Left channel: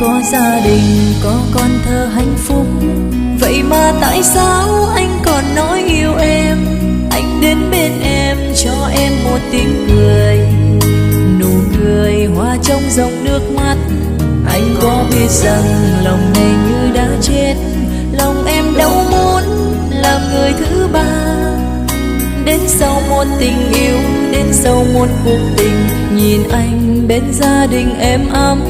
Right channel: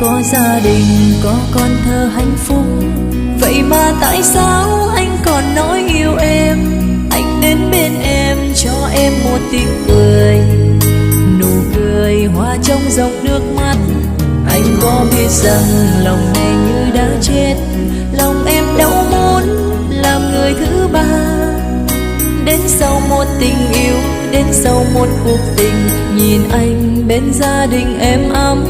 có gia đình, có con thơ hạnh phúc, vậy mà tại sao anh còn nói yêu em? Anh đến bên em cho em một tiếng cười, nụ cười hoa trong dòng nước mắt. Anh có biết rằng lòng này như đã chết, lòng em đâu muốn làm người thứ ba. Đến sau một tình yêu, đến sau một cuộc tình, nhìn anh bên gia đình êm ấm,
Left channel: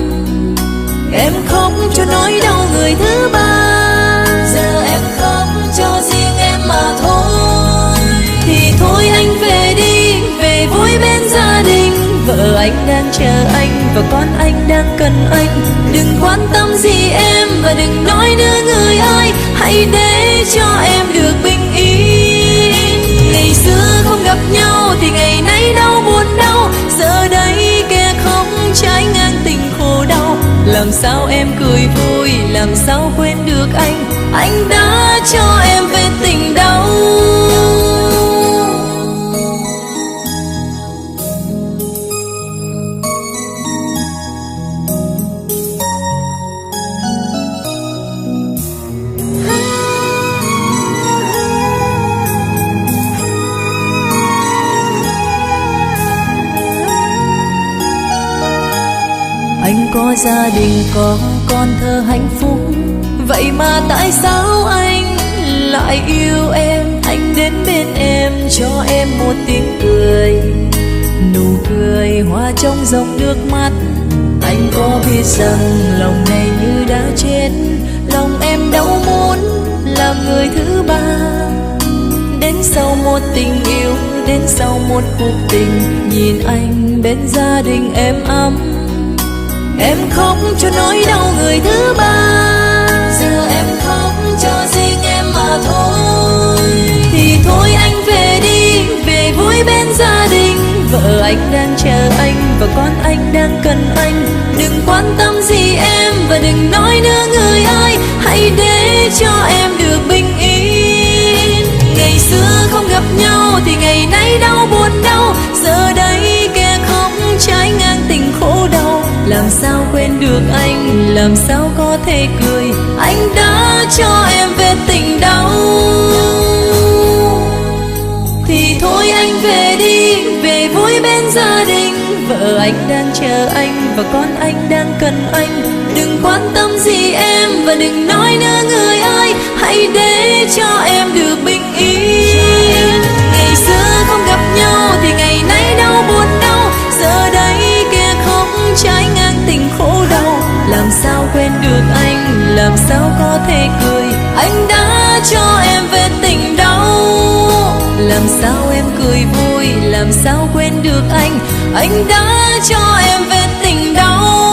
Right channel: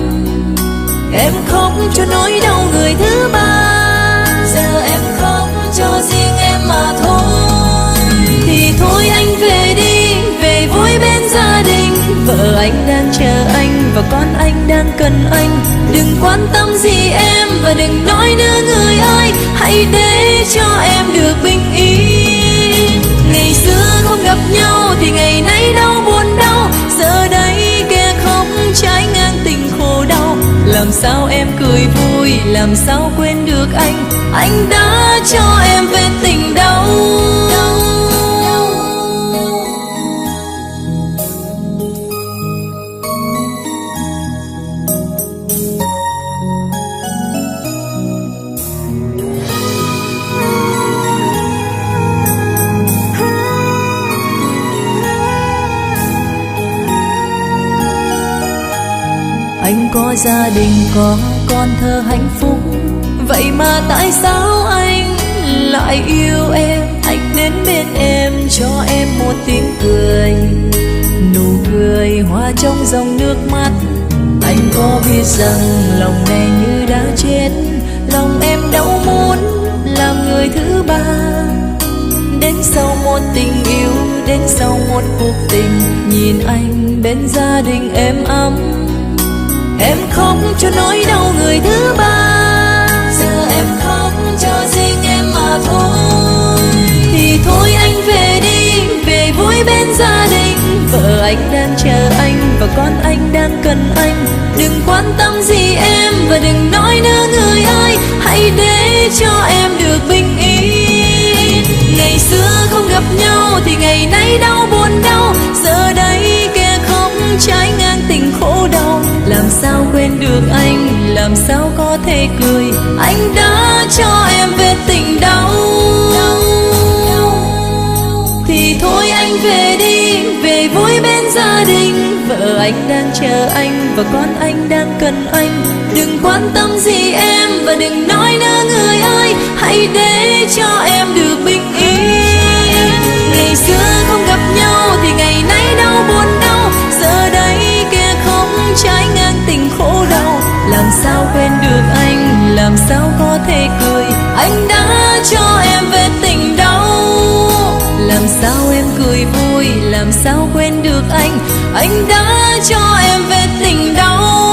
em khóc cho nỗi đau người thứ ba. Giờ em khóc cho riêng em mà thôi, thì thôi anh về đi, về vui bên gia đình. Vợ anh đang chờ anh và con anh đang cần anh. Đừng quan tâm gì em và đừng nói nữa người ơi, hãy để cho em được bình yên. Ngày xưa không gặp nhau thì ngày nay đau buồn đau, giờ đây kẻ khóc trái ngang tình khổ đau. Làm sao em cười vui, làm sao quên được anh đã cho em về tình đau. Anh có gia đình, có con thơ hạnh phúc, vậy mà tại sao anh lại yêu em? Anh đến bên em cho em một tiếng cười, nụ cười hoa trong dòng nước mắt. Anh có biết rằng lòng này như đã chết, lòng em đâu muốn làm người thứ ba. Đến sau một tình yêu, đến sau một cuộc tình, nhìn anh bên gia đình êm ấm, em khóc cho nỗi đau người thứ ba. Giờ em khóc cho riêng em mà thôi, thì thôi anh về đi, về vui bên gia đình. Vợ anh đang chờ anh và con anh đang cần anh. Đừng quan tâm gì em và đừng nói nữa người ơi, hãy để cho em được bình yên. Ngày xưa không gặp nhau thì ngày nay đau buồn đau, giờ đây kẻ khóc trái ngang tình khổ đau. Làm sao quên được anh, làm sao có thể cười, anh đã cho em về tình đau. Thì thôi anh về đi, về vui bên gia đình. Vợ anh đang chờ anh và con anh đang cần anh. Đừng quan tâm gì em và đừng nói nữa người ơi, hãy để cho em được bình yên. Ngày xưa không gặp nhau thì ngày nay đau buồn đau, giờ đây kẻ khóc trái ngang tình khổ đau. Làm sao quên được anh, làm sao có thể cười, anh đã cho em về tình đau. Làm sao em cười vui, làm sao quên được anh đã cho em về tình đau.